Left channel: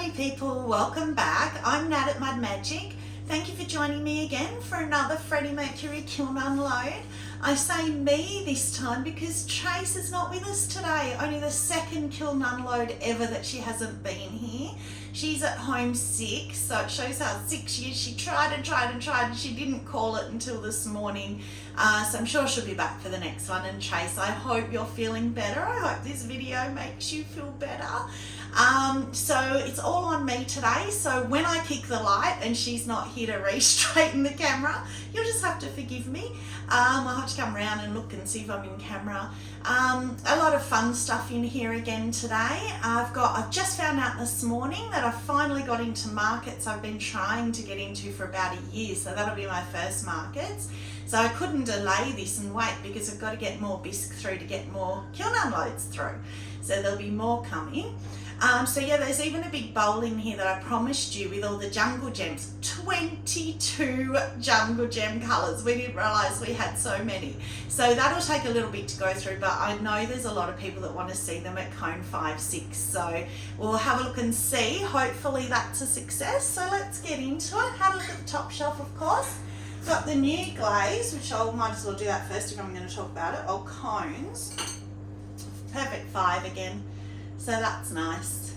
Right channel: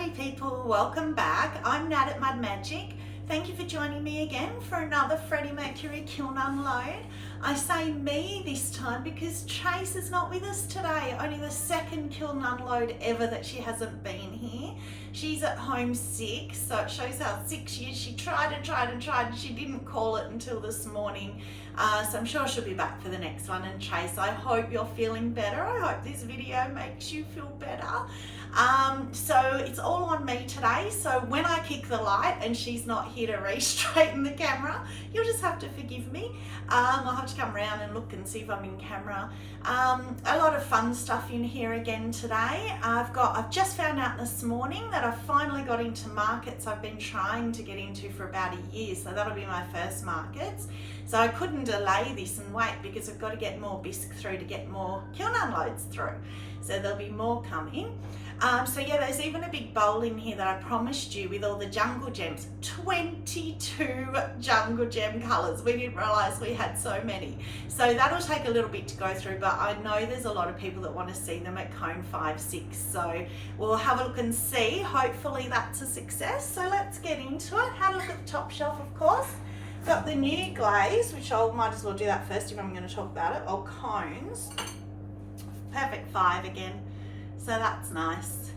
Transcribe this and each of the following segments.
Howdy people, welcome back. I'm Nat at Mud Magic. Thank you for joining me again for another Freddie Mercury kiln unload. I say me this time because Trace is not with us today. Only the second kiln unload ever that she hasn't been here. She's at home sick, so it shows how sick she is. She tried and she didn't call it until this morning. So I'm sure she'll be back for the next one. And Trace, I hope you're feeling better. I hope this video makes you feel better. So it's all on me today. So when I kick the light and she's not here to re-straighten the camera, you'll just have to forgive me. I'll have to come around and look and see if I'm in camera. A lot of fun stuff in here again today. I've just found out this morning that I finally got into markets I've been trying to get into for about a year. So that'll be my first markets. So I couldn't delay this and wait because I've got to get more bisque through to get more kiln unloads through. So there'll be more coming. So yeah, there's even a big bowl in here that I promised you with all the jungle gems. 22 jungle gem colours. We didn't realise we had so many. So that'll take a little bit to go through, but I know there's a lot of people that want to see them at cone 5, 6. So we'll have a look and see. Hopefully that's a success. So let's get into it. Have a look at the top shelf, of course. Got the new glaze, which I might as well do that first if I'm going to talk about it. Or cones. Perfect 5 again. So that's nice.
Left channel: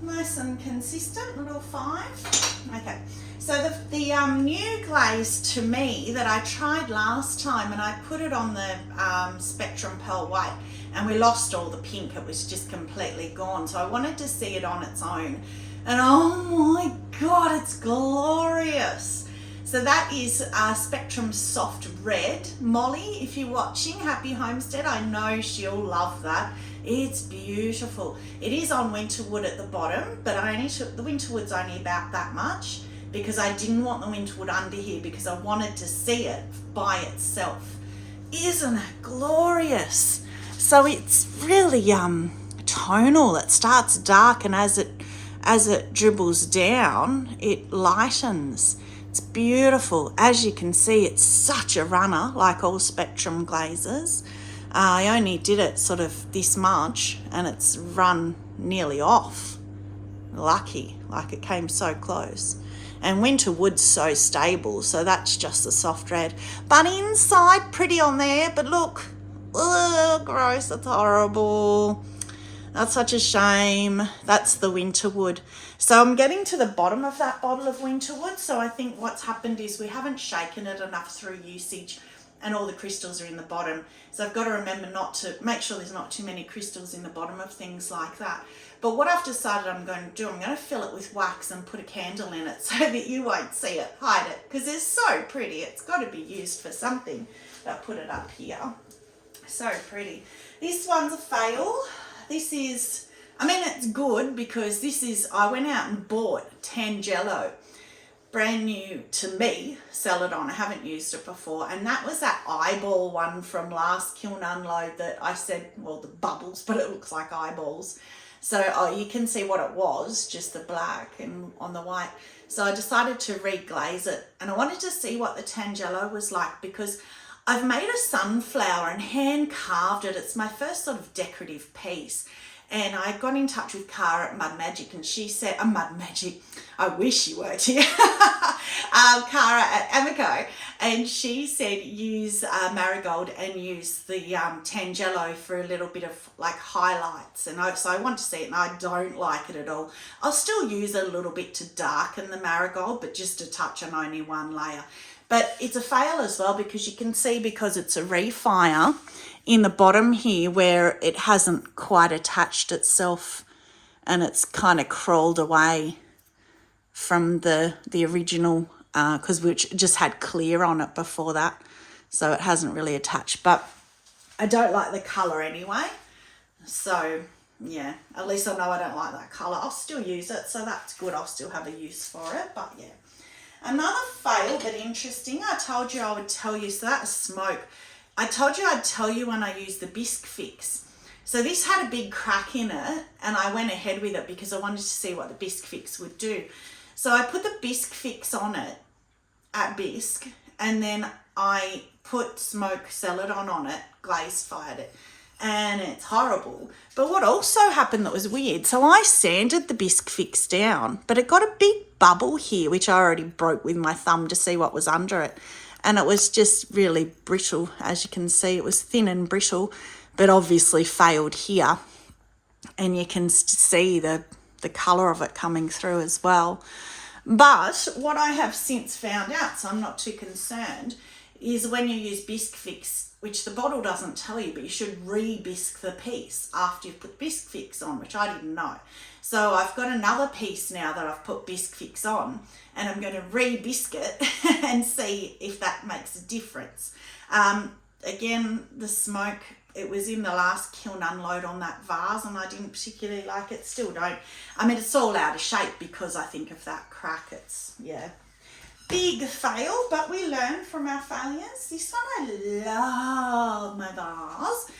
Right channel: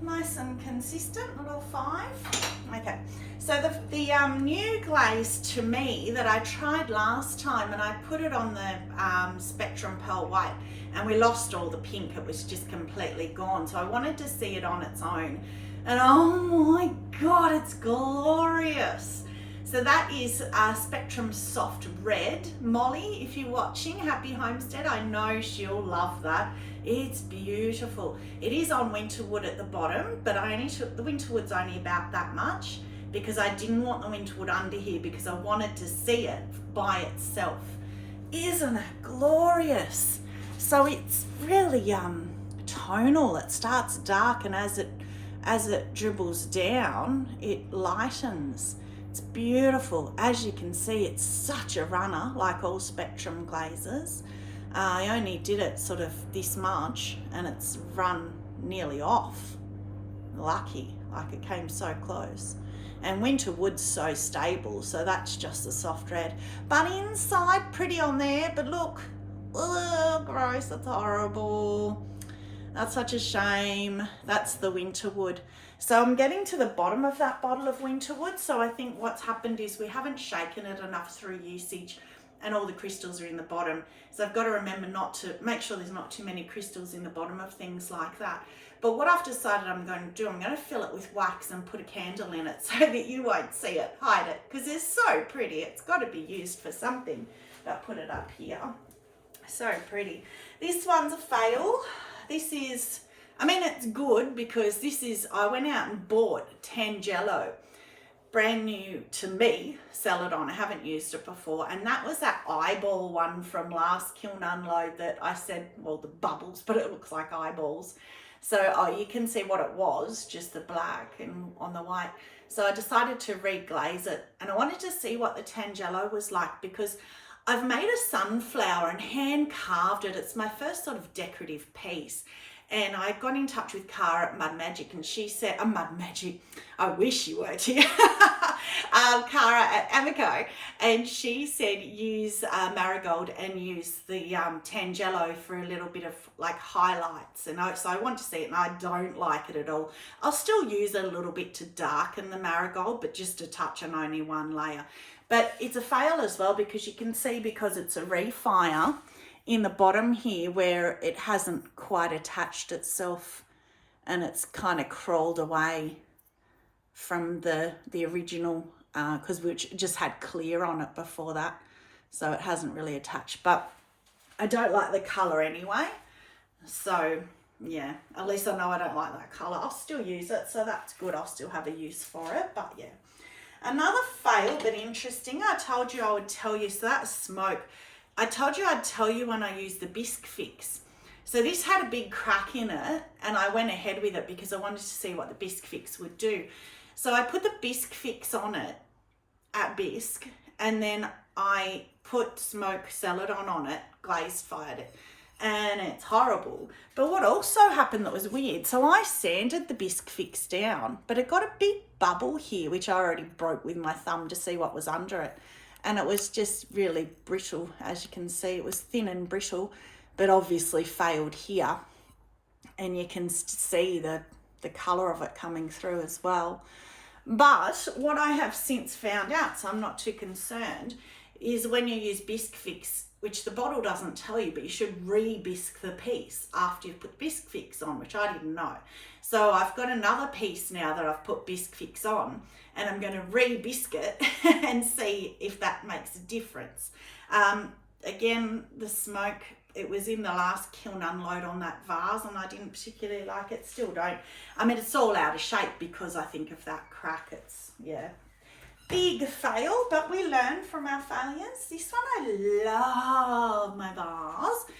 Nice and consistent, little 5. Okay, so the new glaze to me that I tried last time, and I put it on the Spectrum Pearl White, and we lost all the pink. It was just completely gone. So I wanted to see it on its own. And oh my God, it's glorious. So that is Spectrum Soft Red. Molly, if you're watching, happy homestead. I know she'll love that. It's beautiful. It is on winterwood at the bottom, but I only took the winterwood's only about that much because I didn't want the winterwood under here because I wanted to see it by itself. Isn't it glorious? So it's really tonal. It starts dark, and as it dribbles down, it lightens. It's beautiful. As you can see, it's such a runner, like all Spectrum glazes. I only did it sort of this much and it's run nearly off. Lucky, like it came so close. And winterwood's so stable, so that's just the soft red. But inside, pretty on there, but look, ugh, gross, that's horrible. That's such a shame. That's the winterwood. So I'm getting to the bottom of that bottle of winterwood. So I think what's happened is we haven't shaken it enough through usage and all the crystals are in the bottom. So I've got to remember not to, make sure there's not too many crystals in the bottom of things like that. But what I've decided I'm going to do, I'm going to fill it with wax and put a candle in it so that you won't see it, hide it, because it's so pretty. It's got to be used for something. But put it up here. So pretty. This one's a fail. This is, I mean, it's good because this is, I went out and bought Tangelo, brand new to me, Celadon. I haven't used it before. And that was that eyeball one from last kiln unload that I said, well, the bubbles, but it looks like eyeballs. So you can see what it was, just the black and on the white. So I decided to reglaze it. And I wanted to see what the Tangelo was like because I've made a sunflower and hand carved it. It's my first sort of decorative piece. And I got in touch with Cara at Mud Magic and she said, Mud Magic, I wish you worked here. Cara at Amaco. And she said use marigold and use the Tangelo for a little bit of like highlights. And so I want to see it and I don't like it at all. I'll still use it a little bit to darken the marigold, but just a touch on only one layer. But it's a fail as well because you can see because it's a refire in the bottom here where it hasn't quite attached itself and it's kind of crawled away from the original because we just had clear on it before that. So it hasn't really attached, but I don't like the colour anyway. So yeah, at least I know I don't like that colour. I'll still use it, so that's good. I'll still have a use for it, but yeah. Another fail, but interesting. I told you I would tell you. So that's smoke. I told you I'd tell you when I used the bisque fix. So this had a big crack in it and I went ahead with it because I wanted to see what the bisque fix would do. So I put the bisque fix on it at bisque and then I put smoke celadon on it, glaze fired it. and it's horrible. But what also happened that was weird, so I sanded the bisque fix down, but it got a big bubble here, which I already broke with my thumb to see what was under it. And it was just really brittle, as you can see. It was thin and brittle, but obviously failed here. And you can see the colour of it coming through as well. But what I have since found out, so I'm not too concerned, is when you use bisque fix, which the bottle doesn't tell you, but you should re-bisque the piece after you've put bisque fix on, which I didn't know. So I've got another piece now that I've put bisque fix on, and I'm going to re-bisque it and see if that makes a difference. Again, the smoke, it was in the last kiln unload on that vase, and I didn't particularly like it. Still don't. I mean, it's all out of shape because I think of that crack. It's, yeah, big fail, but we learn from our failures. This one, I love my vase.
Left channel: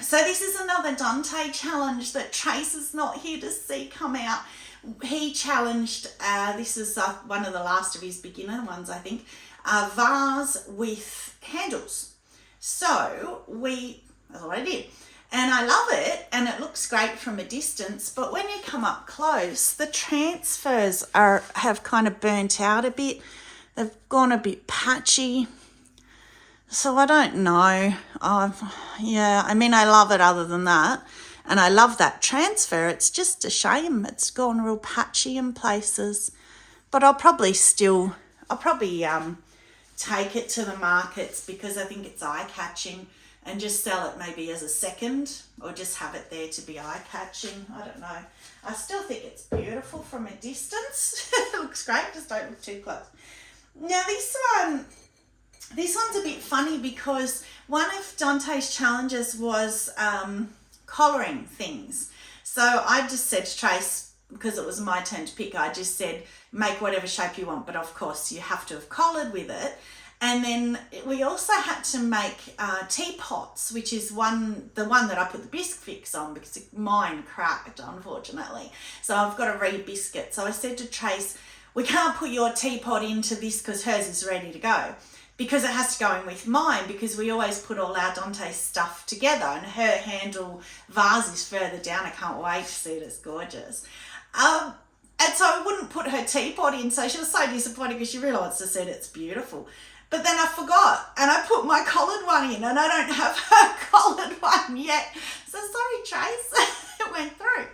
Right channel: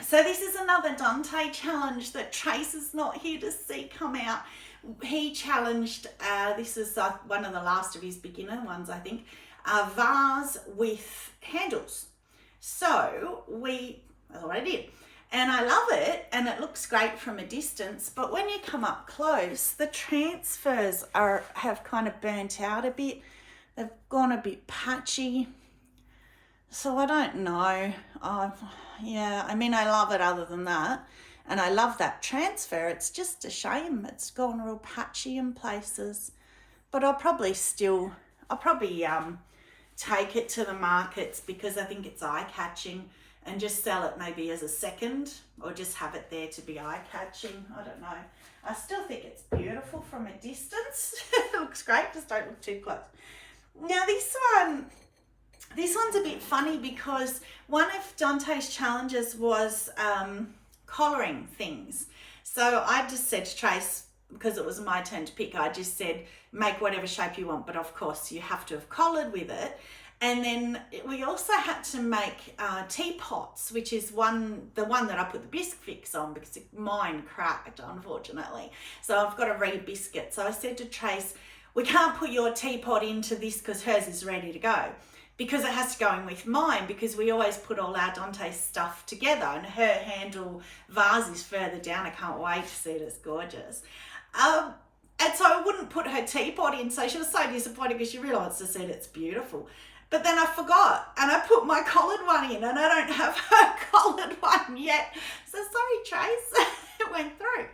So this is another Dante challenge that Trace is not here to see come out. He challenged, this is one of the last of his beginner ones, I think, a vase with handles. So that's what I did. And I love it, and it looks great from a distance, but when you come up close, the transfers have kind of burnt out a bit. They've gone a bit patchy. So I don't know. Yeah, I mean, I love it other than that. And I love that transfer. It's just a shame. It's gone real patchy in places. But I'll probably take it to the markets because I think it's eye-catching, and just sell it maybe as a second, or just have it there to be eye-catching. I don't know. I still think it's beautiful from a distance. It looks great, just don't look too close. Now this one's a bit funny because one of Dante's challenges was collaring things. So I just said to Trace, because it was my turn to pick, I just said, make whatever shape you want, but of course you have to have collared with it. And then we also had to make teapots, which is the one that I put the bisque fix on because mine cracked, unfortunately. So I've got to re-bisque it. So I said to Trace, we can't put your teapot into this because hers is ready to go, because it has to go in with mine, because we always put all our Dante stuff together, and her handle vase is further down. I can't wait to see it. It's gorgeous. And so I wouldn't put her teapot in, so she was so disappointed because she realised I said it's beautiful. But then I forgot, and I put my collared one in, and I don't have her collared one yet. So sorry, Trace, it went through.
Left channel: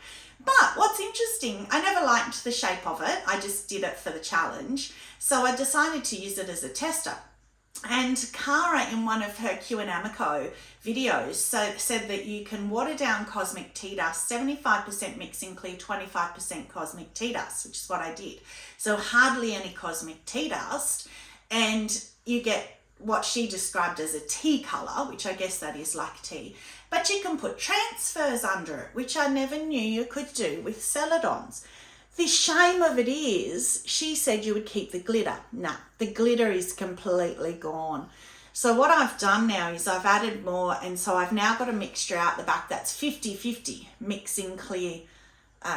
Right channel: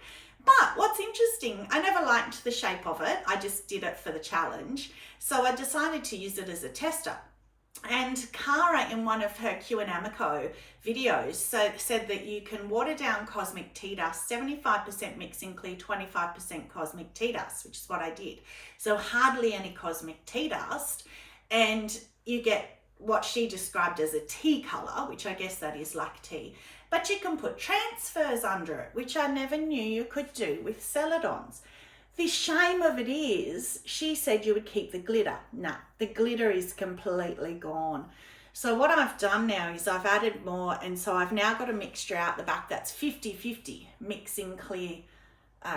But what's interesting, I never liked the shape of it. I just did it for the challenge. So I decided to use it as a tester. And Cara, in one of her Q and Amaco videos, said that you can water down cosmic tea dust, 75% mixing clear, 25% cosmic tea dust, which is what I did. So hardly any cosmic tea dust, and you get what she described as a tea colour, which I guess that is like tea. But you can put transfers under it, which I never knew you could do with celadons. The shame of it is, she said you would keep the glitter. Nah, the glitter is completely gone. So what I've done now is I've added more, and so I've now got a mixture out the back that's 50-50 mixing clear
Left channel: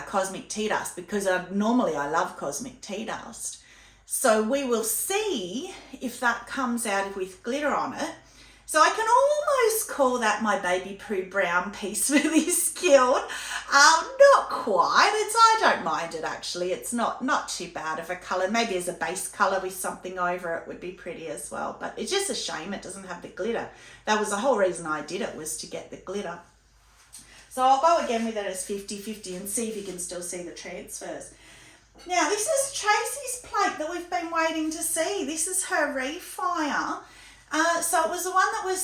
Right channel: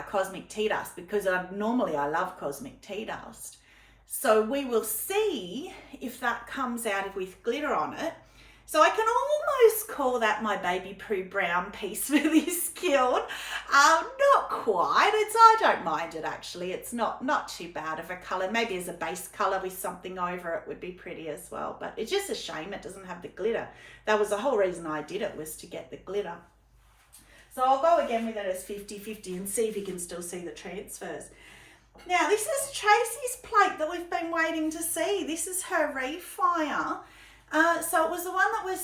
cosmic tea dust, because normally I love cosmic tea dust. So we will see if that comes out with glitter on it. So I can almost call that my baby poo brown piece for this kiln. Not quite. I don't mind it actually. It's not too bad of a colour. Maybe as a base colour with something over it would be pretty as well. But it's just a shame it doesn't have the glitter. That was the whole reason I did it, was to get the glitter. So I'll go again with it as 50-50 and see if you can still see the transfers. Now this is Tracy's plate that we've been waiting to see. This is her refire. So it was the one that was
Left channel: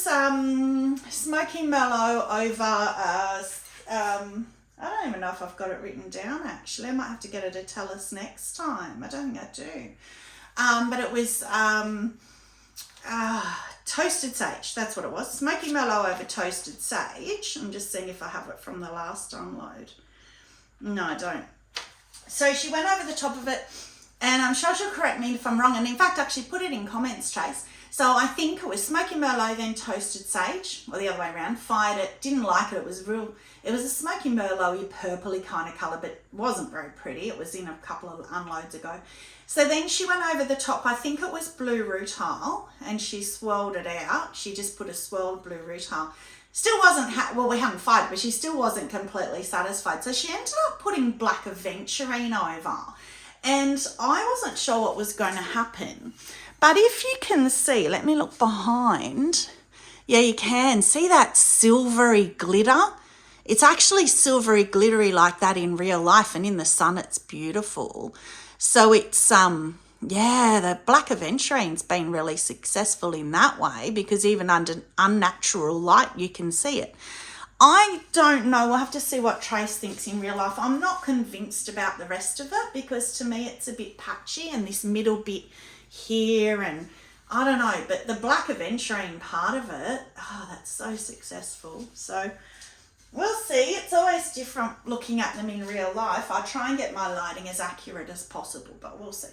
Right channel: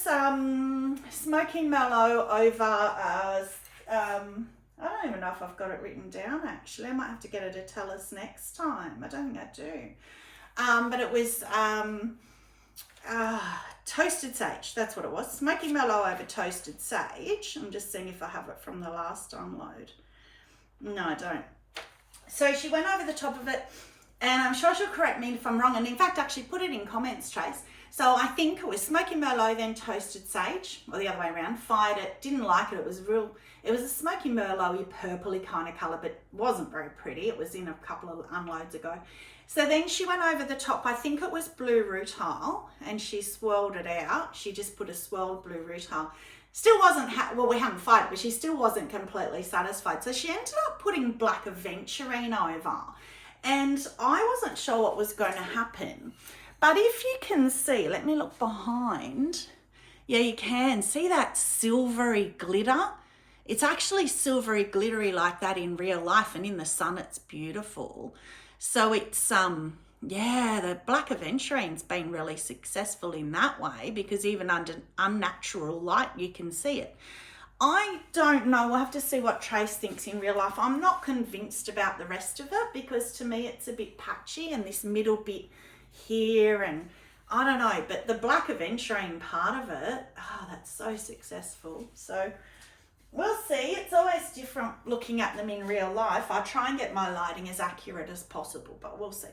smoky mellow over, I don't even know if I've got it written down actually. I might have to get her to tell us next time. I don't think I do. But it was toasted sage, that's what it was. Smoky mellow over toasted sage. I'm just seeing if I have it from the last unload. No, I don't. So she went over the top of it, and I'm sure she'll correct me if I'm wrong. And in fact, actually put it in comments, Trace. So I think it was smoky merlot, then toasted sage, or the other way around. Fired it, didn't like it. It was a smoky merlot-y, purpley kind of colour, but wasn't very pretty. It was in a couple of unloads ago. So then she went over the top, I think it was blue rutile, and she swirled it out. She just put a swirled blue rutile. still wasn't, well, we hadn't fired, but she still wasn't completely satisfied. So she ended up putting black aventurine over. And I wasn't sure what was going to happen. But if you can see, let me look behind. Yeah, you can see that silvery glitter. It's actually silvery glittery like that in real life, and in the sun it's beautiful. So it's, yeah, the black aventurine's been really successful in that way, because even under unnatural light you can see it. I don't know, we'll have to see what Trace thinks in real life. I'm not convinced about the rest of it, because to me it's a bit patchy, and this middle bit here, and I don't know, but the black aventurine part of it, oh, that's so successful. So we'll see. It's always different looking at them in real life. I try and get my lighting as accurate as possible, but we'll see.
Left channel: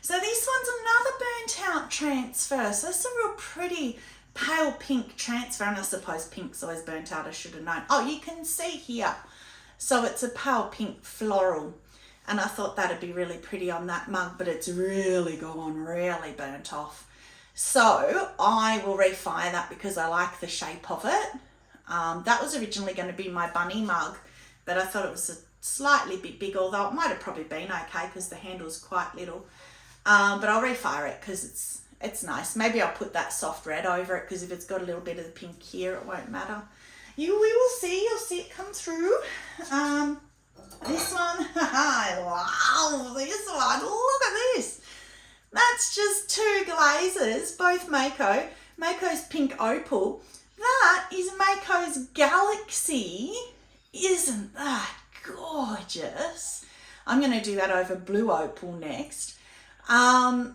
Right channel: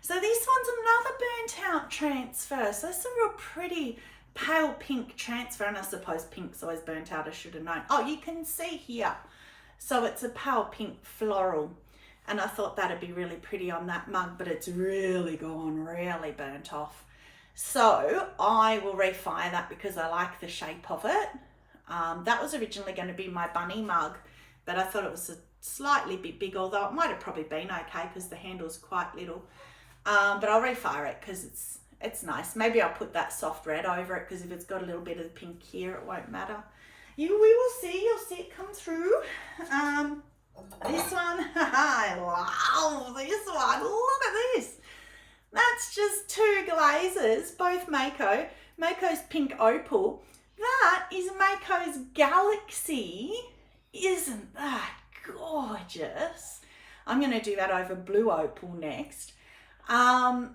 So this one's another burnt out transfer. So it's a real pretty pale pink transfer, and I suppose pink's always burnt out, I should have known. Oh, you can see here. So it's a pale pink floral, and I thought that'd be really pretty on that mug, but it's really gone really burnt off. So I will refire that because I like the shape of it. That was originally going to be my bunny mug, but I thought it was a slightly bit big, although it might have probably been okay because the handle's quite little. But I'll refire it because it's nice. Maybe I'll put that soft red over it, because if it's got a little bit of the pink here, it won't matter. We will see. You'll see it come through. This one, I love this one. Look at this. That's just two glazes, both Mayco. Mayco's pink opal. That is Mayco's Galaxy. Isn't that gorgeous? I'm going to do that over blue opal next. And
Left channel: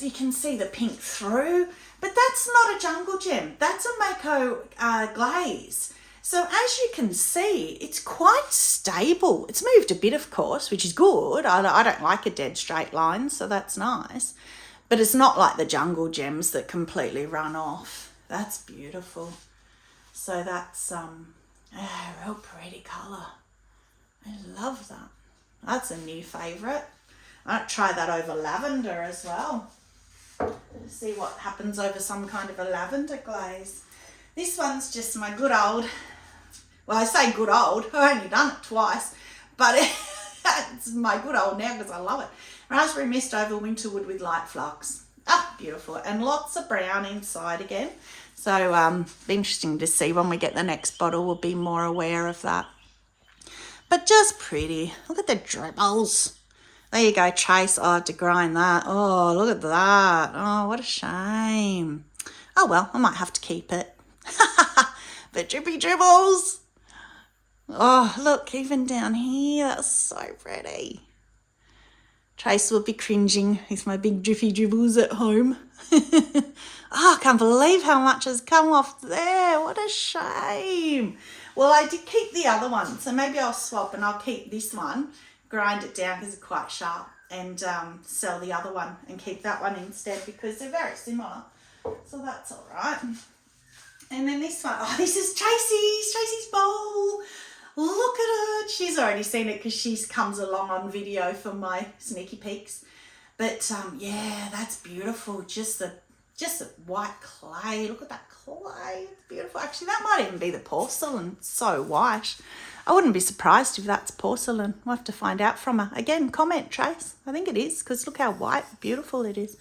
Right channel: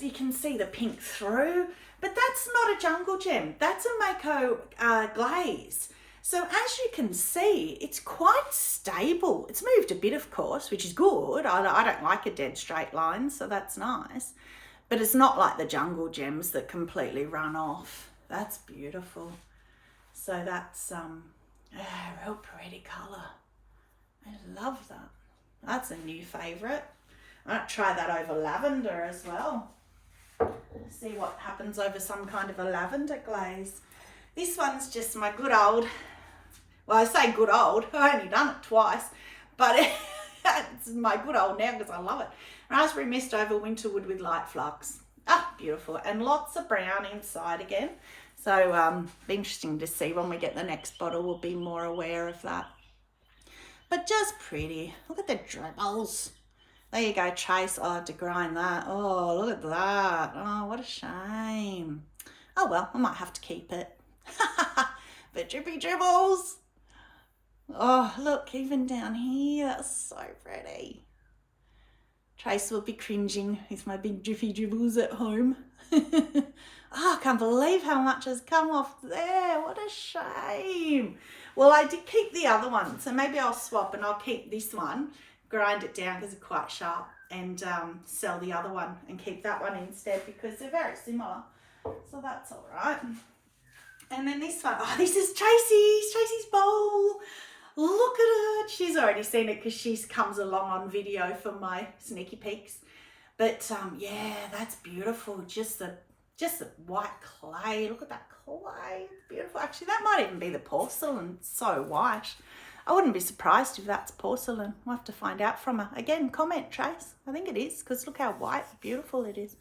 you can see the pink through, but that's not a jungle gem. That's a Mayco glaze. So as you can see, it's quite stable. It's moved a bit, of course, which is good. I don't like a dead straight line, so that's nice. But it's not like the jungle gems that completely run off. That's beautiful. So that's a real pretty colour. I love that. That's a new favourite. I might try that over lavender as well. See what happens over some kind of a lavender glaze. This one's just my good old, well, I say good old, I've only done it twice, but it's my good old now because I love it. Raspberry mist over winterwood with light flux. Ah, beautiful. And lots of brown inside again. So be interesting to see when we get the next bottle. We'll be more aware of that. But just pretty. Look at the dribbles. There you go, Trace. Oh, I had to grind that. Oh, look at that. Oh, what a shame. Oh, well, I might have to keep it. The drippy dribbles. Oh, look, even down here. That's so pretty. Trace will be cringing with my big drippy dribbles at home. Oh, I can't believe how much has come off there. What a shame. Well, I did keep the other one, so maybe I'll swap and I'll keep this one, grind it down because it's quite sharp, and sell the other one and keep that one instead because they're very similar. So that's all right. And then this one, oh, this is Tracy's bowl. Look at it. She's already seen it because she comes along on video for my sneaky peeks. But yeah, that's beautiful. Just the white clay. Look at that clay. It's beautiful. Actually, that might even be the porcelain. It's so white. I wouldn't be surprised if that's porcelain. We'll have to find out from her. Again, comment, Trace. I think it is, because look how white, beautiful it is.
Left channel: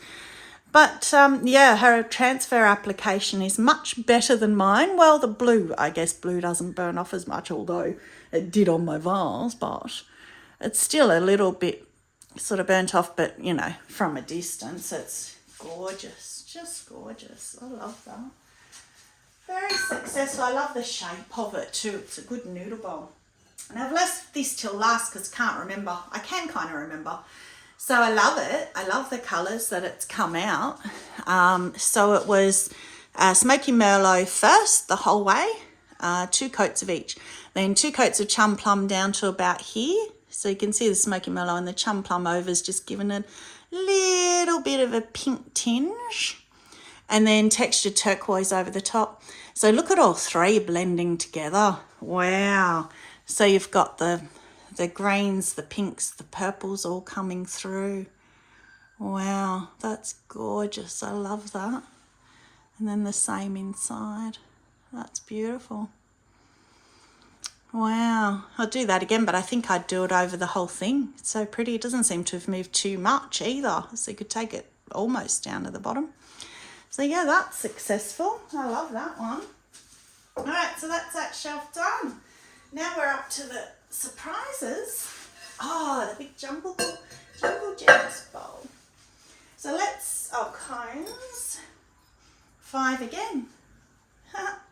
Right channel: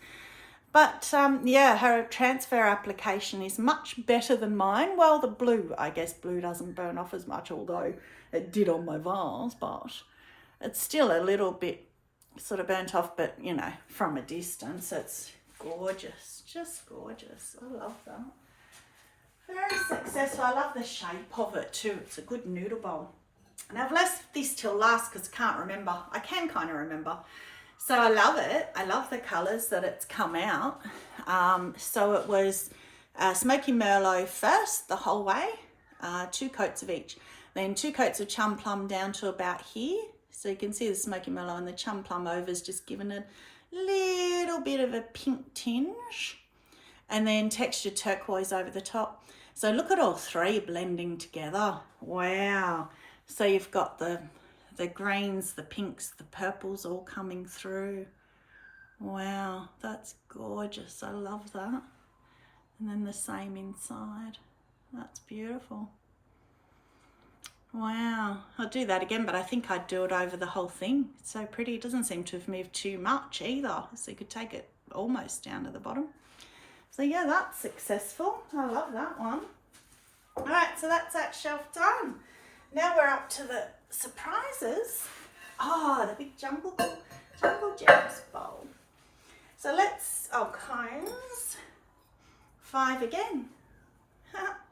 But yeah, her transfer application is much better than mine. Well, the blue, I guess blue doesn't burn off as much, although it did on my vase, but it's still a little bit sort of burnt off, but you know, from a distance, it's gorgeous, just gorgeous. I love that. Very successful. I love the shape of it too. It's a good noodle bowl. And I've left this till last because I can't remember. I can kind of remember. So I love it. I love the colours that it's come out. So it was Smoky Merlot first the whole way, 2 coats of each. Then 2 coats of Chum Plum down to about here. So you can see the Smoky Merlot and the Chum Plum over's just given a little bit of a pink tinge. And then textured turquoise over the top. So look at all 3 blending together. Wow. So you've got the greens, the pinks, the purples all coming through. Wow, that's gorgeous. I love that. And then the same inside. That's beautiful. Wow, I'll do that again, but I think I'd do it over the whole thing. It's so pretty. It doesn't seem to have moved too much either, so you could take it almost down to the bottom. So yeah, that's successful. I love that one. All right, so that's that shelf done. Now we're up to the surprises. Oh, the big jumble gems bowl. So let's, cones, 5 again.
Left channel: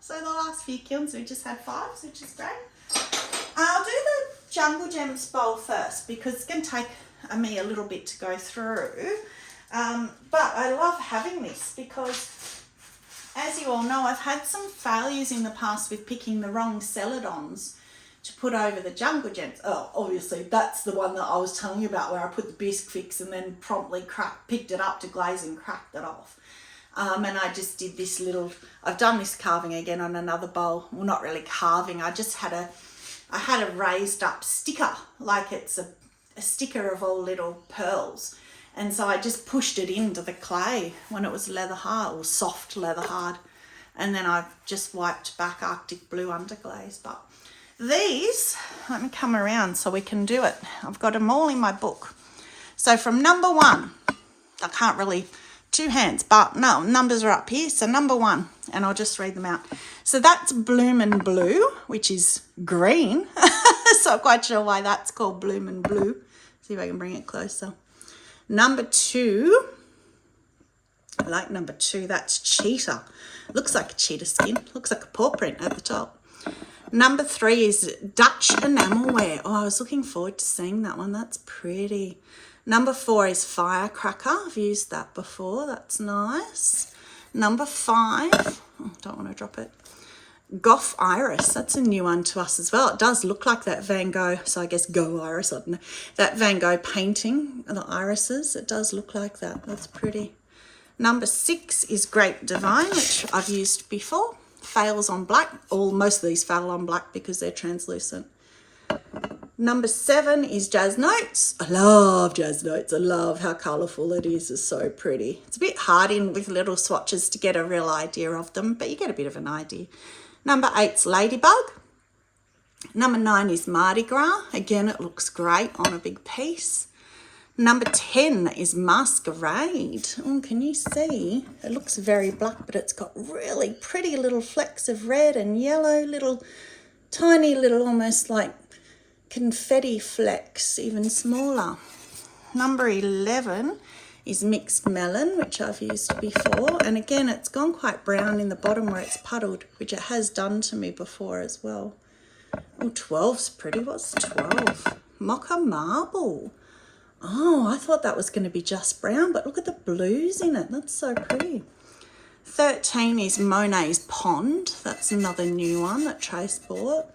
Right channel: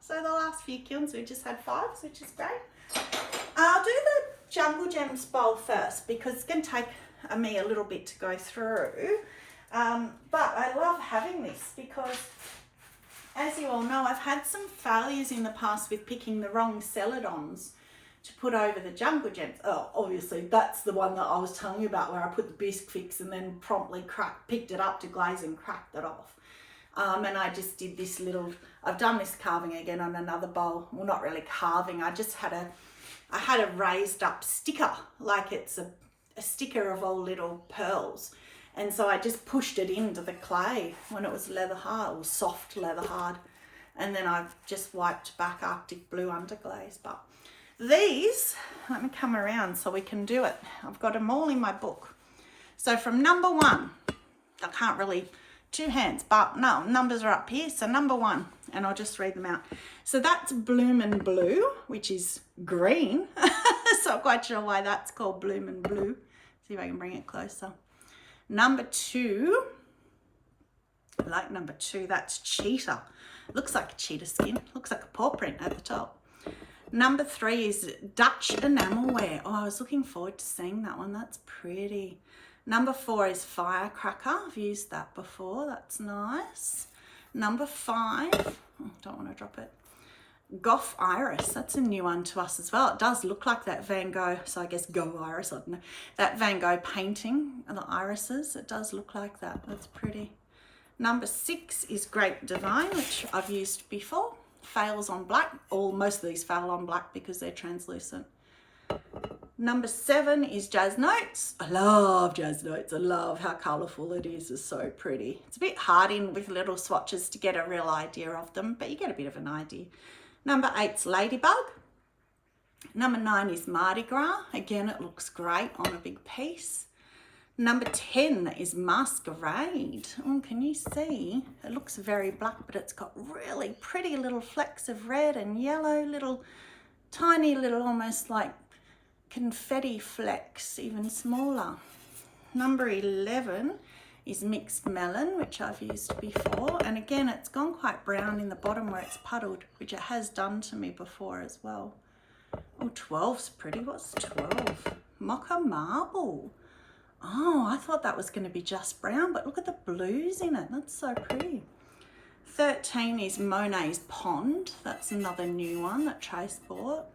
So the last few kilns we just had 5s, which is great. I'll do the Jungle Gems bowl first because it's going to take me a little bit to go through. But I love having this because, as you all know, I've had some failures in the past with picking the wrong celadons to put over the Jungle Gems. Oh, obviously that's the one that I was telling you about where I put the bisque fix and then promptly picked it up to glaze and cracked it off. And I just did this little, I've done this carving again on another bowl. Well, not really carving. I had a raised up sticker, like it's a sticker of all little pearls. And so I just pushed it into the clay when it was leather hard or soft leather hard. And then I've just wiped back Arctic blue underglaze. But these, let me come around so we can do it. I've got them all in my book. So from number 1, I can't really, 2 hands, but no, numbers are up here. So number 1, and I'll just read them out. So that's Bloomin' Blue, which is green. So I'm quite sure why that's called Bloomin' Blue. See if I can bring it closer. Number 2, I like number 2, that's Cheetah. Looks like a cheetah skin, looks like a paw print at the top. Number 3 is Dutch Enamelware. Oh, I was looking forward to seeing that one, that's pretty. Number 4 is Firecracker. I've used that before. That's nice. Number 5. Oh, don't want to drop it. Goth Iris. That's a new one to us as well. It does look like that Van Gogh. So I guess Go Iris. I don't know. That Van Gogh painting, the irises. It does look like that. That's pretty. Number 6 is Grape Divine, which I've used before. Fails on black. Most of these fail on black because they're translucent. Number 7 is Jazz Notes. I love Jazz Notes. I love how colourful it is. It's so pretty. It's a bit hard in with little swatches to get a real idea of them, but you get a bit of an idea. Number 8's Ladybug. Number 9 is Mardi Gras. Again, it looks great on a big piece. Number 10 is Masquerade. Oh, can you see? It looks very black, but it's got really pretty little flecks of red and yellow, tiny little almost like confetti flecks, even smaller. Number 11 is Mixed Melon, which I've used before. And again, it's gone quite brown in the bottom where it's puddled, which it has done to me before as well. Oh, 12's pretty. What's 12? Mocha Marble. Oh, I thought that was going to be just brown, but look at the blues in it. That's so pretty. 13 is Monet's Pond. That's another new one that Trace bought.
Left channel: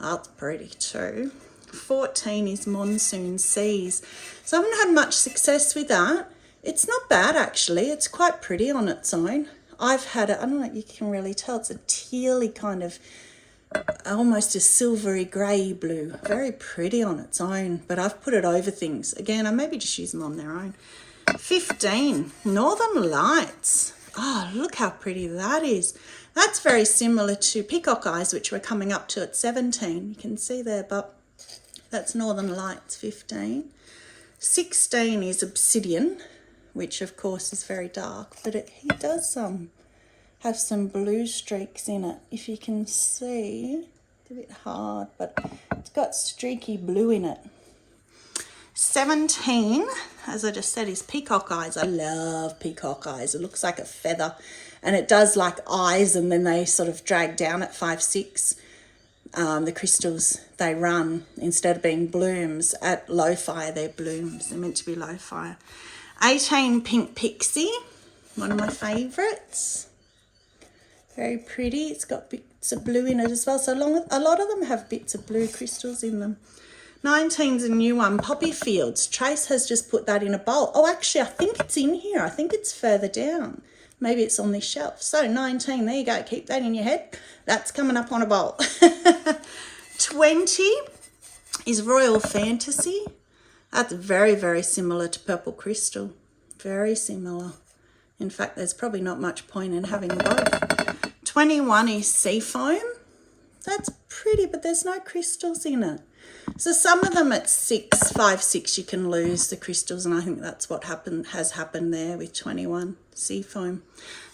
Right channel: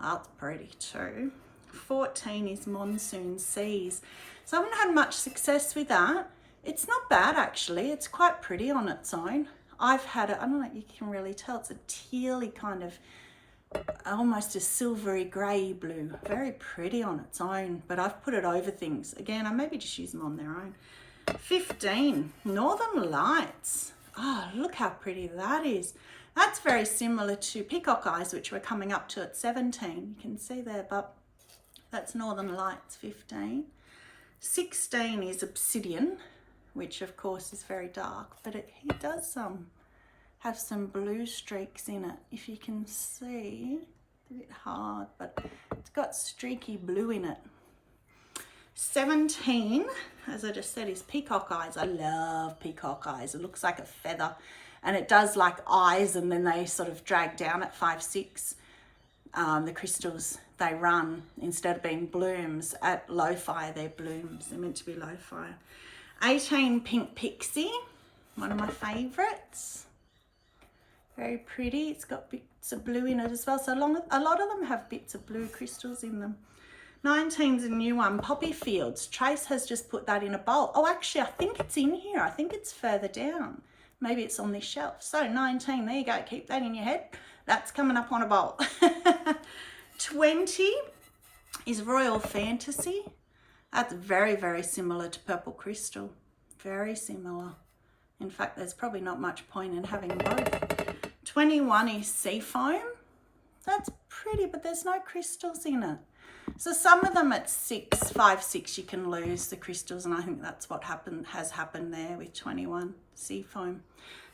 Oh, that's pretty too. 14 is Monsoon Seas. So I haven't had much success with that. It's not bad actually. It's quite pretty on its own. I've had it, I don't know if you can really tell, it's a tealy kind of, almost a silvery grey blue. Very pretty on its own, but I've put it over things. Again, I maybe just use them on their own. 15, Northern Lights. Oh, look how pretty that is. That's very similar to Peacock Eyes, which we're coming up to at 17. You can see there, but that's Northern Lights, 15. 16 is Obsidian, which of course is very dark, but he does have some blue streaks in it, if you can see. It's a bit hard, but it's got streaky blue in it. 17, as I just said, is Peacock Eyes. I love Peacock Eyes. It looks like a feather, and it does like eyes, and then they sort of drag down at 5, 6. The crystals, they run, instead of being blooms, at low fire, they're blooms. They're meant to be low fire. 18, Pink Pixie, one of my favourites. Very pretty. It's got bits of blue in it as well. So a lot of them have bits of blue crystals in them. 19's a new one, Poppy Fields. Trace has just put that in a bowl. Oh, actually, I think it's in here. I think it's further down. Maybe it's on this shelf. So 19, there you go. Keep that in your head. That's coming up on a bowl. 20 is Royal Fantasy. That's very, very similar to Purple Crystal. Very similar. In fact, there's probably not much point in having both. 21 is seafoam. That's pretty, but there's no crystals in it. So some of them at 5, 6, you can lose the crystals, and I think that's what has happened there with 21 seafoam.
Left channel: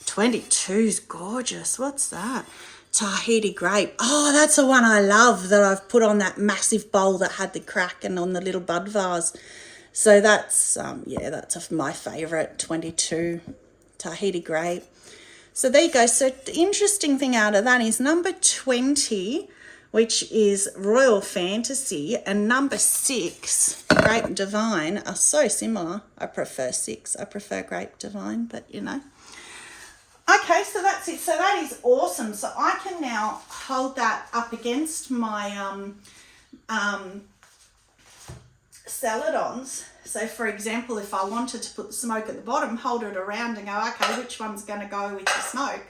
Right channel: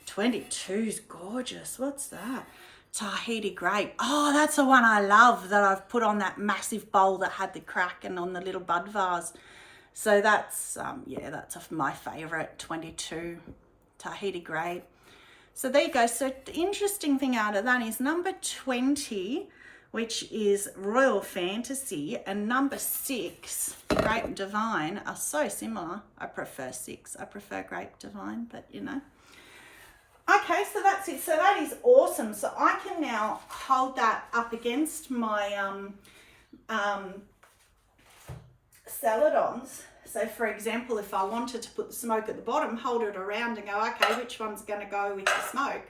22 is gorgeous. What's that? Tahiti grape. Oh, that's the one I love that I've put on that massive bowl that had the crack and on the little bud vase. So that's, yeah, that's my favourite, 22 Tahiti grape. So there you go. So the interesting thing out of that is number 20, which is Royal Fantasy, and number 6, Grape Divine, are so similar. I prefer 6. I prefer Grape Divine, but you know. Okay, so that's it. So that is awesome. So I can now hold that up against my celadons. So for example, if I wanted to put the smoke at the bottom, hold it around and go, okay, which one's going to go with the smoke,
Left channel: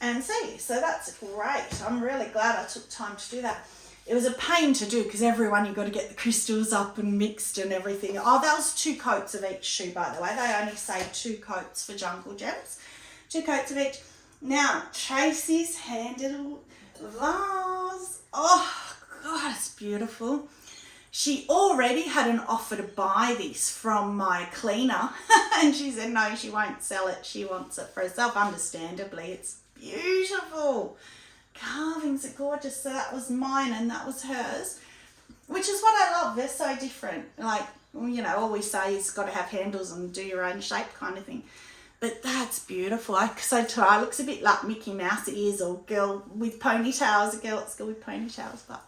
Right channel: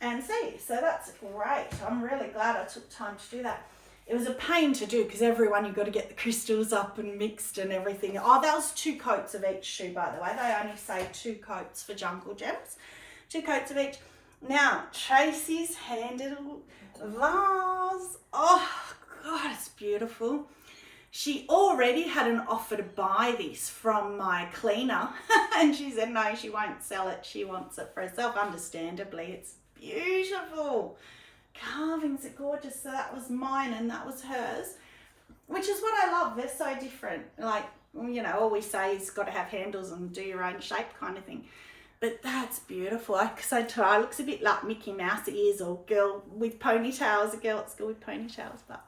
and see. So that's great. I'm really glad I took time to do that. It was a pain to do because everyone, you've got to get the crystals up and mixed and everything. Oh, that was 2 coats of each shoe, by the way. They only say 2 coats for Jungle Gems. 2 coats of each. Now, Tracy's handed vase. Oh, God, it's beautiful. She already had an offer to buy this from my cleaner, and she said no, she won't sell it. She wants it for herself, understandably. It's beautiful. Carvings are gorgeous. So that was mine and that was hers, which is what I love. They're so different. Like, you know, all we say is got to have handles and do your own shape kind of thing. But that's beautiful. So it looks a bit like Mickey Mouse ears, or girl with ponytails, a girl at school with ponytails, but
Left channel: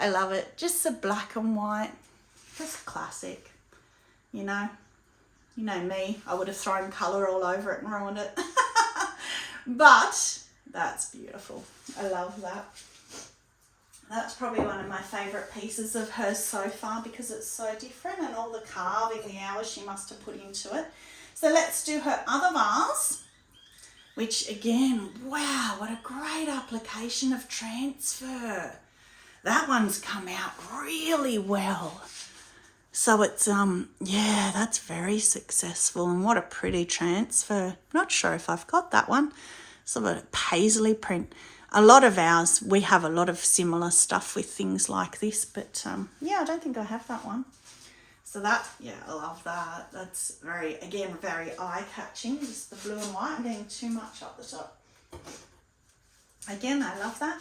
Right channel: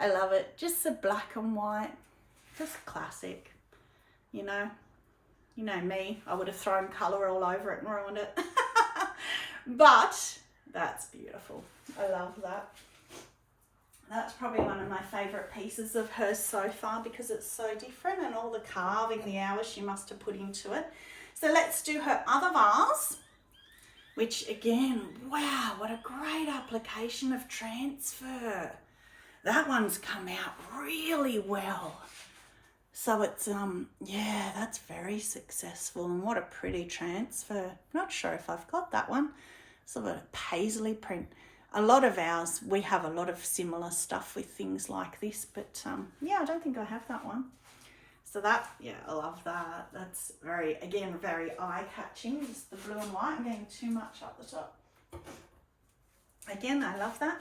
I love it. Just the black and white, just classic, you know. You know me, I would have thrown colour all over it and ruined it. But that's beautiful. I love that. That's probably one of my favourite pieces of hers so far because it's so different, and all the carving, the hours she must have put into it. So let's do her other vase, which again, wow, what a great application of transfer. That one's come out really well. So it's, yeah, that's very successful, and what a pretty transfer. Not sure if I've got that one. Sort of a paisley print. A lot of ours, we have a lot of similar stuff with things like this, but yeah, I don't think I have that one. So that, yeah, I love that. That's very, again, very eye-catching, just the blue and white. I'm getting too much up the top. Again, I love that.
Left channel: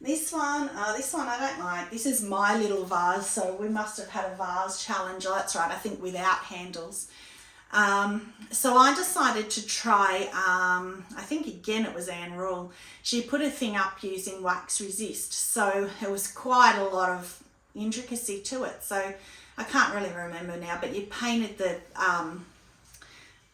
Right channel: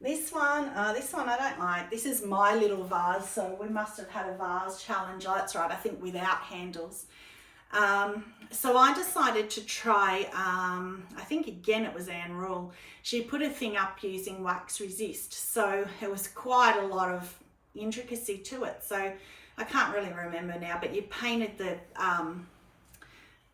This one I don't like. This is my little vase, so we must have had a vase challenge. Oh, that's right, I think without handles. So I decided to try, I think again it was Anne Rule. She put a thing up using wax resist, so it was quite a lot of intricacy to it. So I can't really remember now, but you painted the,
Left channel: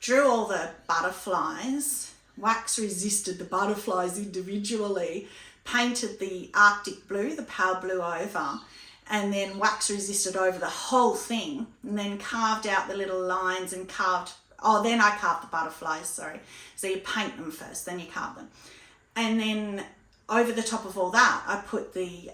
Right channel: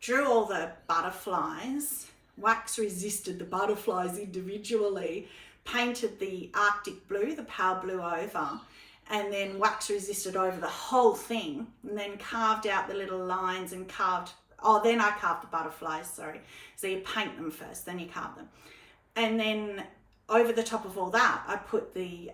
drew all the butterflies, wax resisted the butterflies individually, painted the Arctic blue, the pale blue over, and then wax resisted over the whole thing, and then carved out the little lines and then I carved the butterflies, sorry. So you paint them first, then you carve them. And then over the top of all that, I put the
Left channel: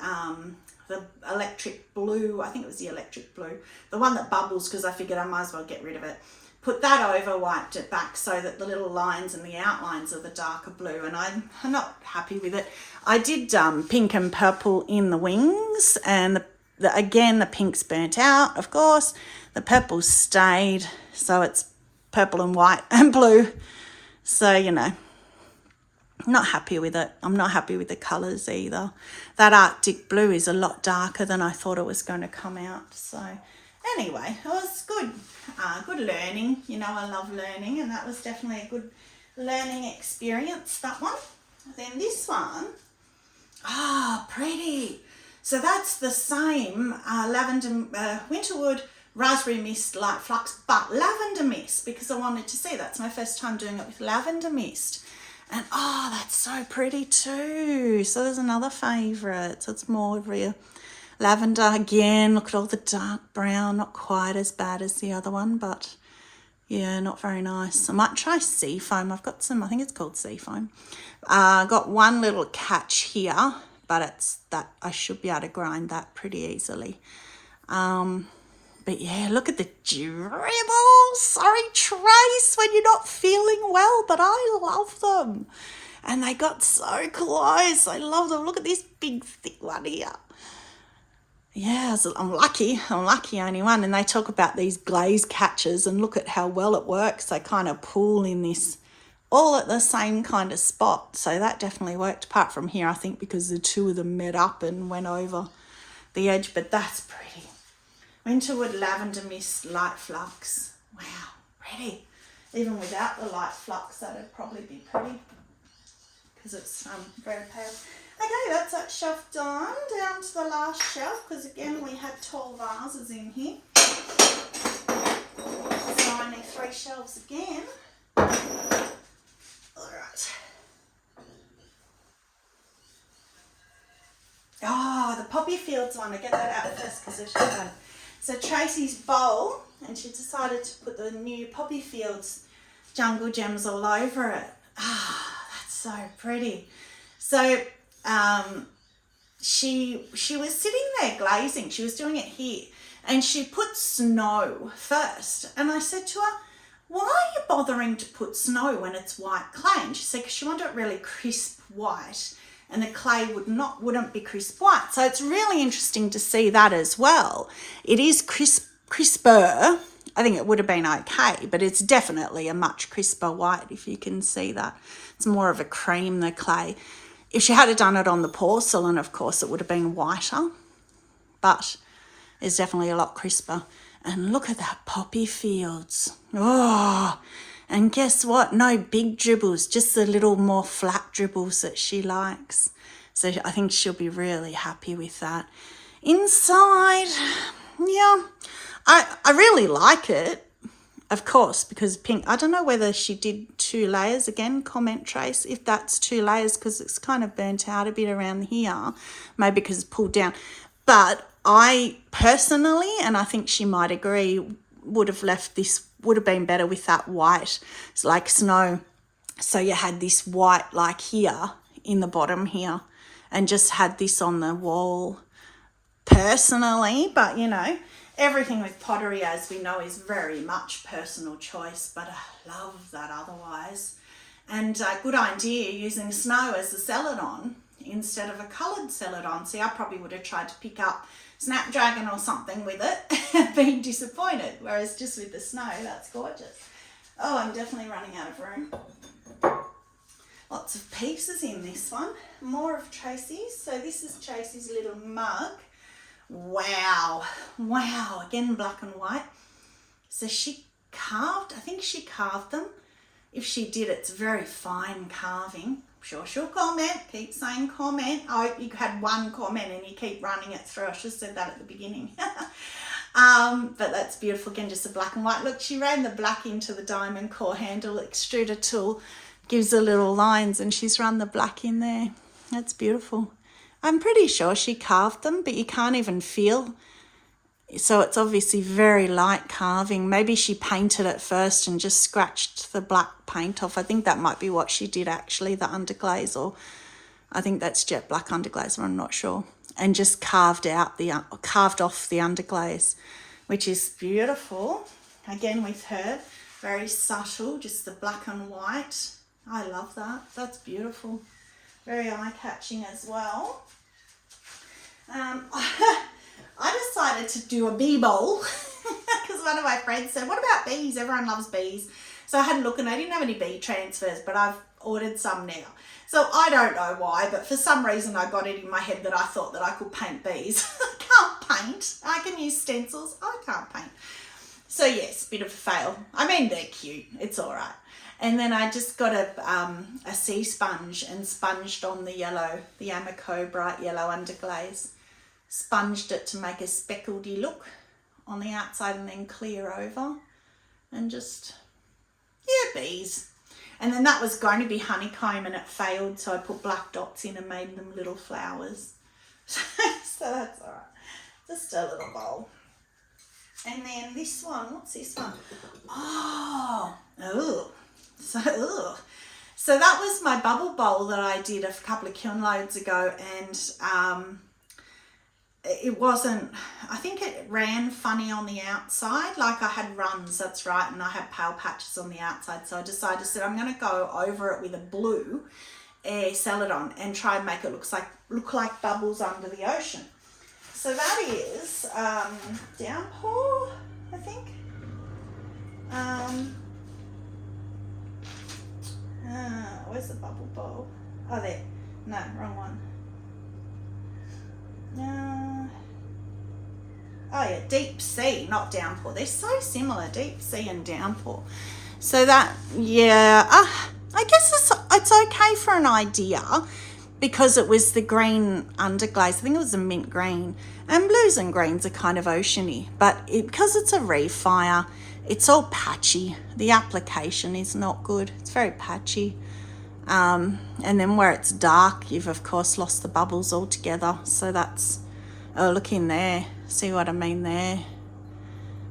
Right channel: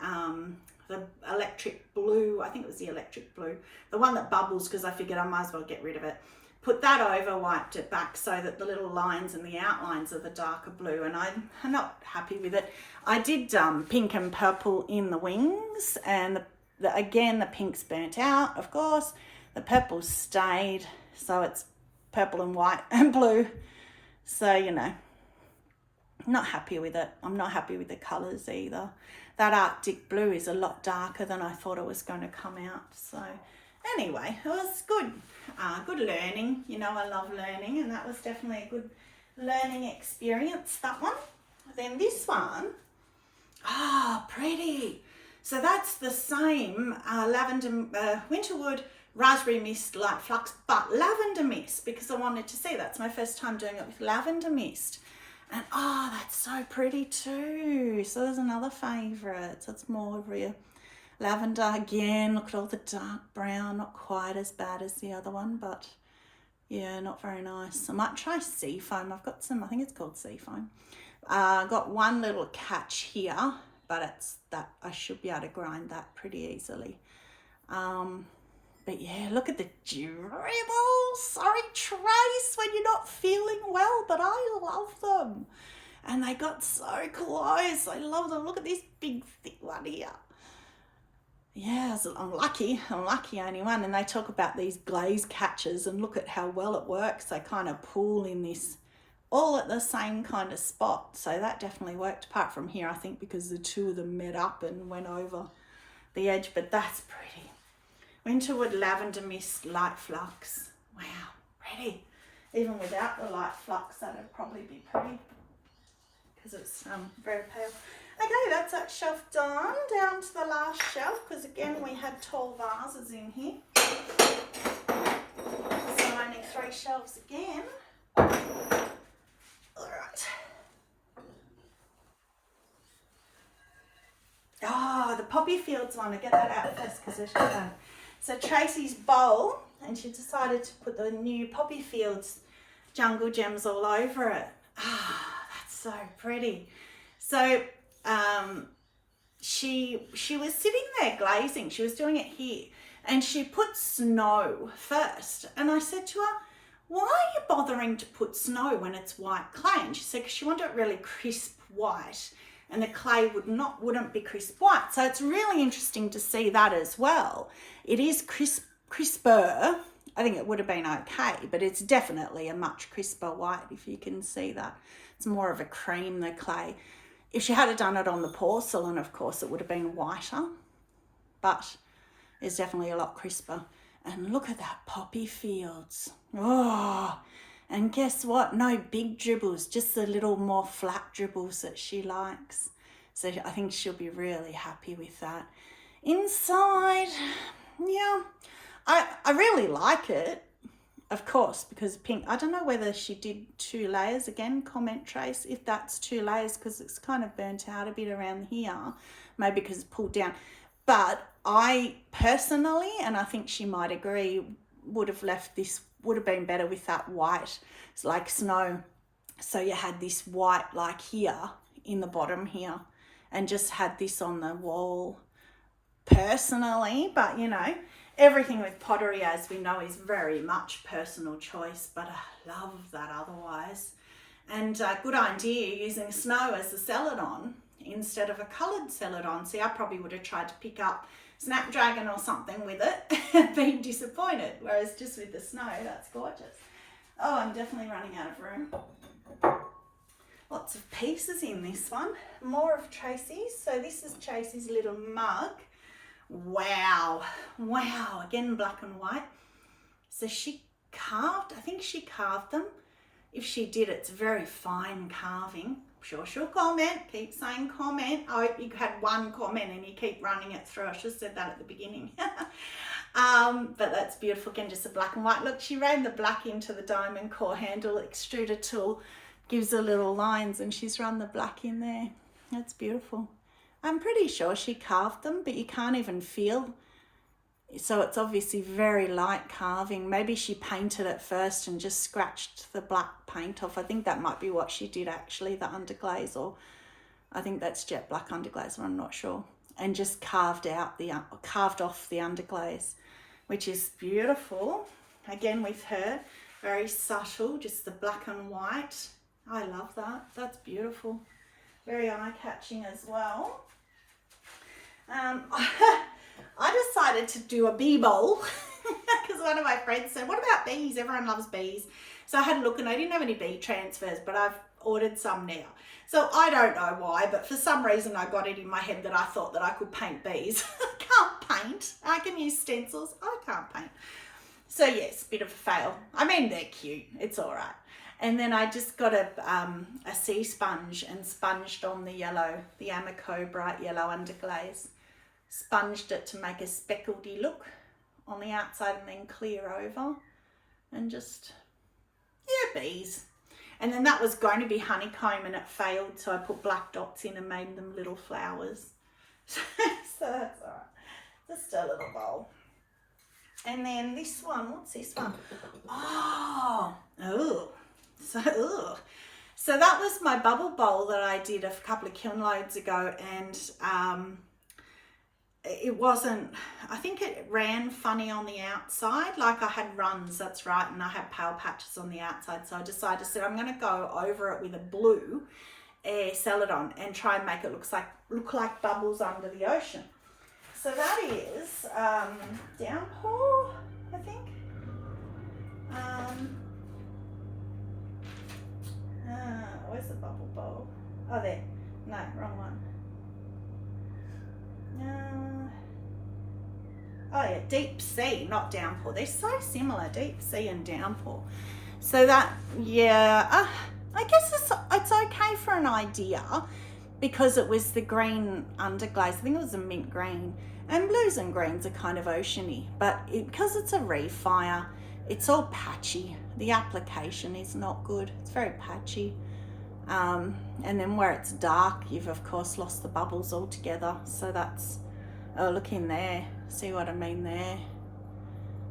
electric blue, I think it was the electric blue, the one that bubbles, because I figured I might as well get rid of it. Put that over, wiped it back so that the little lines and the outlines are the darker blue, and I'm not happy with it. I did pink and purple in the wings, and again, the pink's burnt out, of course. The purple stayed, so it's purple and white and blue. So, you know, not happy with it. I'm not happy with the colours either. That Arctic blue is a lot darker than I thought it was going to come out. So anyway, it was good. Good learning. You know, I love learning, and that was definitely a good learning experience, that one. Then this one, pretty. So that's the same lavender, winterwood, raspberry mist, light flux, but lavender mist, because I wanted to see. That's my first time doing it with lavender mist. And that's so pretty too. So there's another favourite. So it's more real lavender again. Look at all the dark brown, not quite as bad as the other one, but yeah, not very nice. I might try seafoam. I've got some, I think it's called seafoam. Got one little catch here, but it's that I should be able to grind that pretty easily. But yeah, look at the dribbles. Sorry, Trace, when you're not feeling well, but I love them. And they got so close. I love them. Look at this big thick one here. Yeah, so I'm lucky only one. And they talk about these glaze catchers and look at how well it works. They kind of pull in this all at the same kind of spot. So that definitely worked, apart from here, I think, because the two of them met up and went over the edge. But that's pretty. Winterwood lavender mist light flux. Wow, pretty. Even without the light flux, that'd probably be pretty because it's very pale. Okay, that's that shelf done. Down to the last shelf, because again we had tall vases in here. So only 3 shelves again. Alright. Oh, the poppy fields one. I get that out first because it's fun. So Tracy's bowl, and she decided to put the new poppy fields jungle gems all over it. Ah, that's so pretty. So she was sitting there glazing. She was doing it here, and she put snow first. And I said to her, why are you bothering to put snow when it's white clay? And she said, because she wanted it really crisp white, and the clay wouldn't be crisp white. So it's really interesting to see that as well. It is crisper. I think it would have been okay, but it's definitely a much crisper white, if you can see that. It's more of a cream, the clay. If she had done it on the porcelain, of course, it would have been whiter, but it's definitely a lot crisper. And look at that poppy fields. Oh, and guess what? No big dribbles, just the little more flat dribbles that she likes. So I think she'll be really happy with that. Inside, yeah, I really like it, of course, because pink. I don't know whether she did 2 layers again, comment Trace, if that's 2 layers, because it's kind of burnt out a bit around here, maybe because it's pulled down. But I personally, and I think she might agree, would have left this, would have been better with that white. It's like snow. So you had this white like here in the bottom here, and just had this on the wall personally. But you know, everything with pottery, as we know, is very much personal choice, but I love that otherwise. And good idea using snow as the celadon instead of a coloured celadon. See, I probably would have tried to pick up Snapdragon or something with it and been disappointed, whereas just with the snow, that's gorgeous. Oh, I'm definitely running out of room. Lots of pieces in this one. More of Tracy's. So this is Tracy's little mug. Wow, wow, again black and white. So she carved, I think she carved them. If she did, it's very fine carving. I'm sure she'll comment, keep saying comment. I hope you had 1 comment and you keep running it through. I should have said that at the beginning. But that's beautiful, again, just a black and white. Look, she ran the black into the diamond core handle. Extruder tool gives her little lines, and she's run the black in there. That's beautiful. I'm pretty sure she carved them, but you can't even feel. So it's obviously very light carving. Maybe she painted it first and just scratched the black paint off. I think that might be what she did actually, the underglaze, or I think that's jet black underglaze, I'm not sure. And just carved off the underglaze, which is beautiful. Again with her, very subtle, just the black and white. I love that. That's beautiful. Very eye-catching as well. I decided to do a bee bowl because one of my friends said, what about bees? Everyone loves bees. So I had a look and I didn't have any bee transfers, but I've ordered some now. So I don't know why, but for some reason I got it in my head that I thought that I could paint bees. I can't paint. I can use stencils. I can't paint. So yes, bit of a fail. I mean, they're cute. It's all right. And then I just got a sea sponge and sponged on the yellow, the amaco bright yellow underglaze. Sponged it to make a speckledy look on the outside and then clear over. And just, yeah, bees. And then that was going to be honeycomb and it failed, so I put black dots in and made them little flowers. So that's all right. Just a little bowl. And then this one, what's this one? Oh, So that was my bubble bowl that I did a couple of kiln loads ago, and it wasn't, I think it ran funny on the outside, like I had runs, that's right, and I had pale patches on the outside, so I decided I'm going to go over it with a blue air celadon and try and make it look like bubbles under the ocean. So that is downpour, I think. Where's the bubble bowl? Oh, there. No, wrong one. Oh yeah, deep sea, not downpour. They're so similar, deep sea and downpour. So that, yeah, I guess it's okay for an idea because it was the green underglaze. I think it was a mint green. And blues and greens are kind of oceany, but because it's a refire, it's all patchy. The application is not good. It's very patchy. And then where it's dark, you've of course lost the bubbles altogether. So that's, oh, look in there. See what I mean there?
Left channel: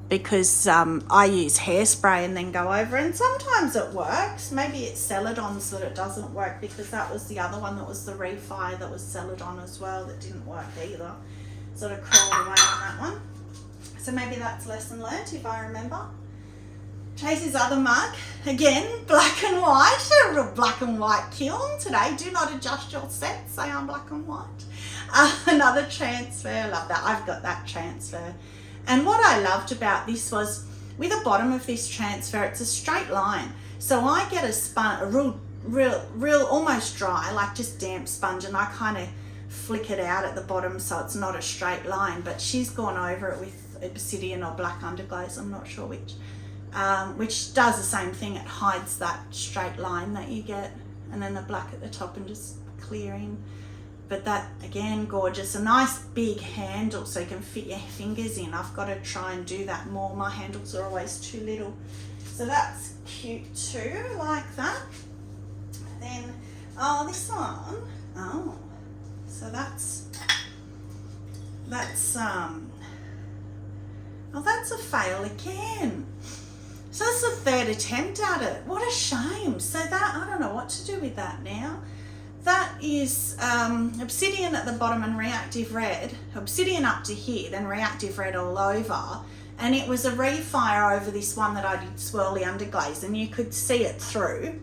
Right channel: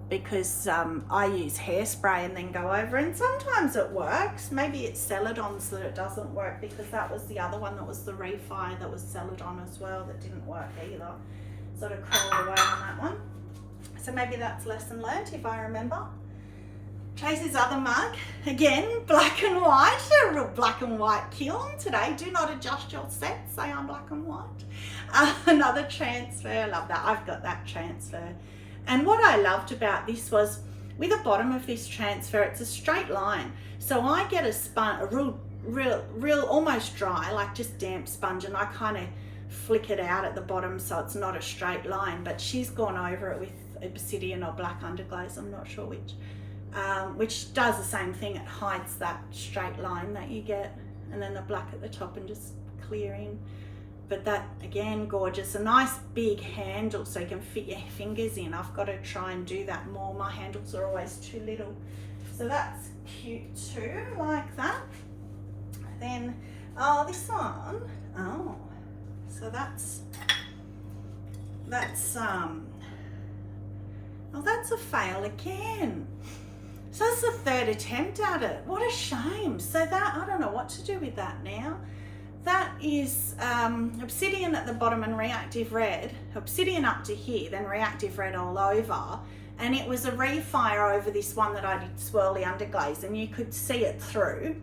Because I use hairspray and then go over, and sometimes it works. Maybe it's celadons that it doesn't work, because that was the other one that was the refire that was celadon as well that didn't work either. Sort of crawled away on that one. So maybe that's lesson learnt if I remember. Tracy's other mug, again, black and white, a real black and white kiln today. Do not adjust your set, say I'm black and white. Another transfer, I love that. I've got that transfer. And what I loved about this was, with the bottom of this transfer, it's a straight line. So I get a real almost dry, like just damp sponge, and I kind of flick it out at the bottom so it's not a straight line. But she's gone over it with obsidian or black underglaze, I'm not sure which does the same thing. It hides that straight line that you get, and then the black at the top and just clearing. But that, again, gorgeous. A nice big handle so you can fit your fingers in. I've got to try and do that more. My handles are always too little. So that's cute too, like that. Then, oh, this one. Oh, so that's oh, that's a fail again. So that's the third attempt at it. What a shame. So that, I don't know what to do with that now. That is obsidian at the bottom and reactive red. Obsidian up to here, then reactive red all over. And it was a refire over this one that I did swirly underglaze, and you could see it through.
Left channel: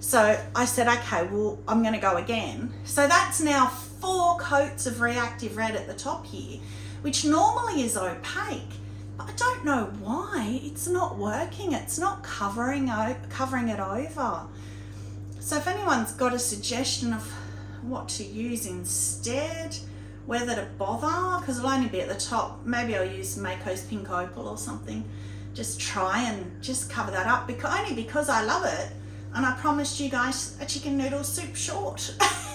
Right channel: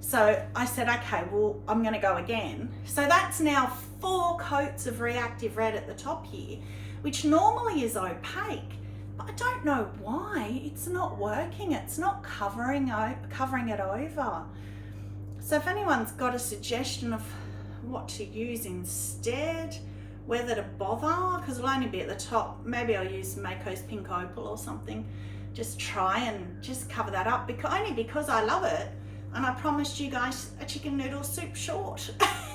So I said, okay, well, I'm going to go again. So that's now 4 coats of reactive red at the top here, which normally is opaque. But I don't know why it's not working. It's not covering it over. So if anyone's got a suggestion of what to use instead, whether to bother, because it'll only be at the top, maybe I'll use Mayco's Pink Opal or something. Just try and just cover that up, only because I love it, and I promised you guys a chicken noodle soup short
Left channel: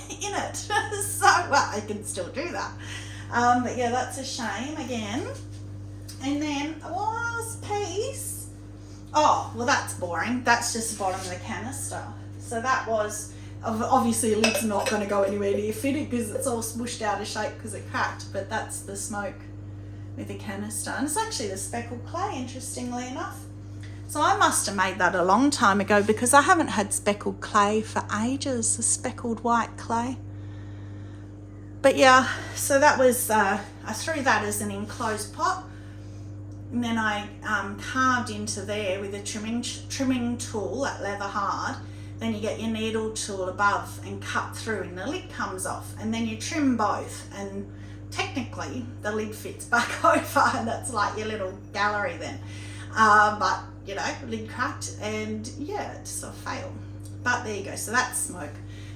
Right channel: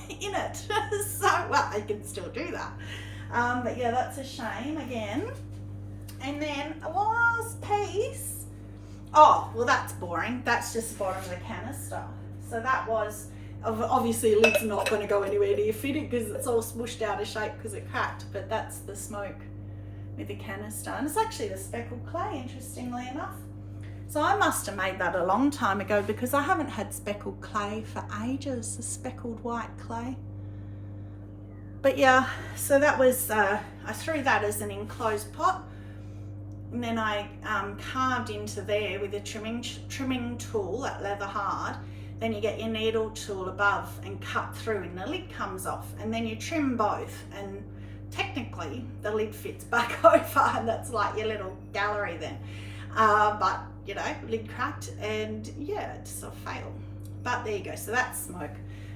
in it. So, well, I can still do that. But yeah, that's a shame again. And then the last piece, oh, well, that's boring. That's just the bottom of the canister. So that was, obviously the lid's not going to go anywhere near fitted because it's all smooshed out of shape because it cracked, but that's the smoke with the canister. And it's actually the speckled clay, interestingly enough. So I must have made that a long time ago, because I haven't had speckled clay for ages, the speckled white clay. But yeah, so that was, I threw that as an enclosed pot. And then I carved into there with a trimming tool, that leather hard. Then you get your needle tool above and cut through, and the lid comes off, and then you trim both, and technically the lid fits back over, and that's like your little gallery then. But you know, lid cracked, and yeah, it's a fail. But there you go. So that's smoke.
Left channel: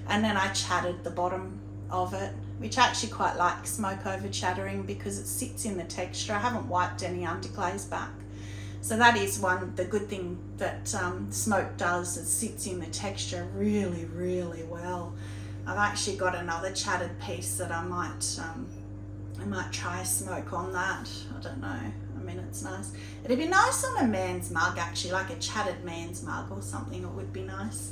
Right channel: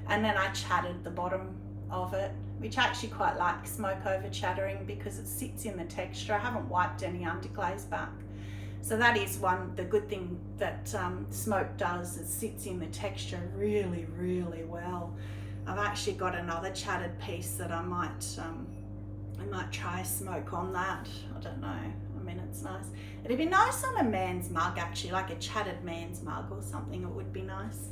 And then I chattered the bottom of it, which I actually quite like smoke over chattering because it sits in the texture. I haven't wiped any underglaze back. So that is the good thing that smoke does, it sits in the texture really, really well. I've actually got another chattered piece that I might try smoke on that. I don't know. I mean, it's nice. It'd be nice on a man's mug, actually, like a chattered man's mug or something. It would be nice.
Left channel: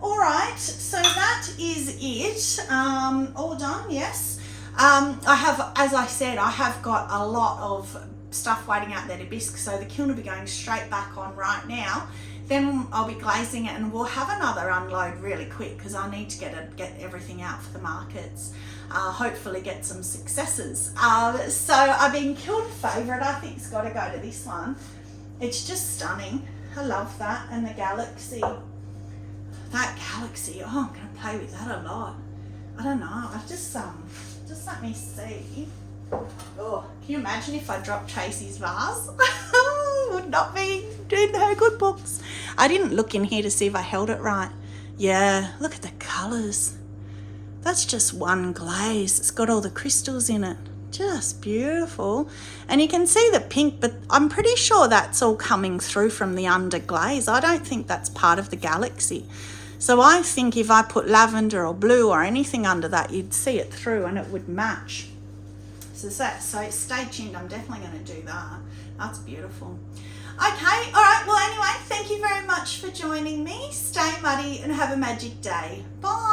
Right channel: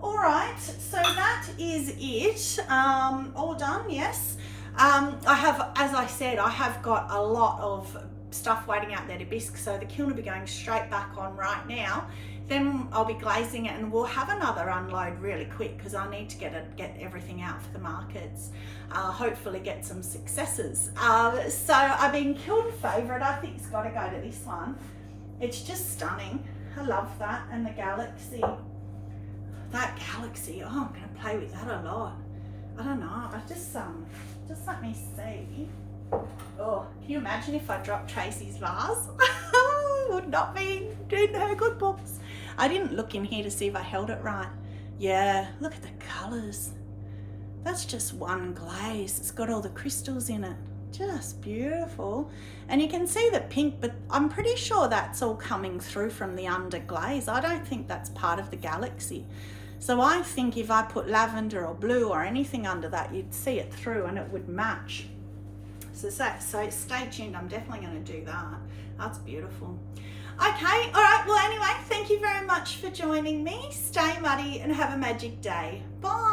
All right, so that is it. All done, yes. I have, as I said, I have got a lot of stuff waiting out there to bisque, so the kiln will be going straight back on right now. Then I'll be glazing it, and we'll have another unload really quick because I need to get everything out for the markets. Hopefully get some successes. So I've been kiln favourite. I think it's got to go to this one. It's just stunning. I love that, and the galaxy. That galaxy. Oh, I'm going to play with that a lot. I don't know. I've just let me see. Oh, can you imagine if I dropped Tracy's vase? Would not be in her good books. I didn't look in here to see if I held it right. Yeah, look at the colours. That's just one glaze. It's got all the crystals in it. Just beautiful. And you can see the pink, but I'm pretty sure that's all coming through from the under glaze. I don't think that's part of the galaxy. So I think if I put lavender or blue or anything under that, you'd see it through and it would match. So stay tuned. I'm definitely going to do that. That's beautiful. Okay, all right. Well, anyway, thank you very much for joining me. Stay muddy and have a magic day. Bye.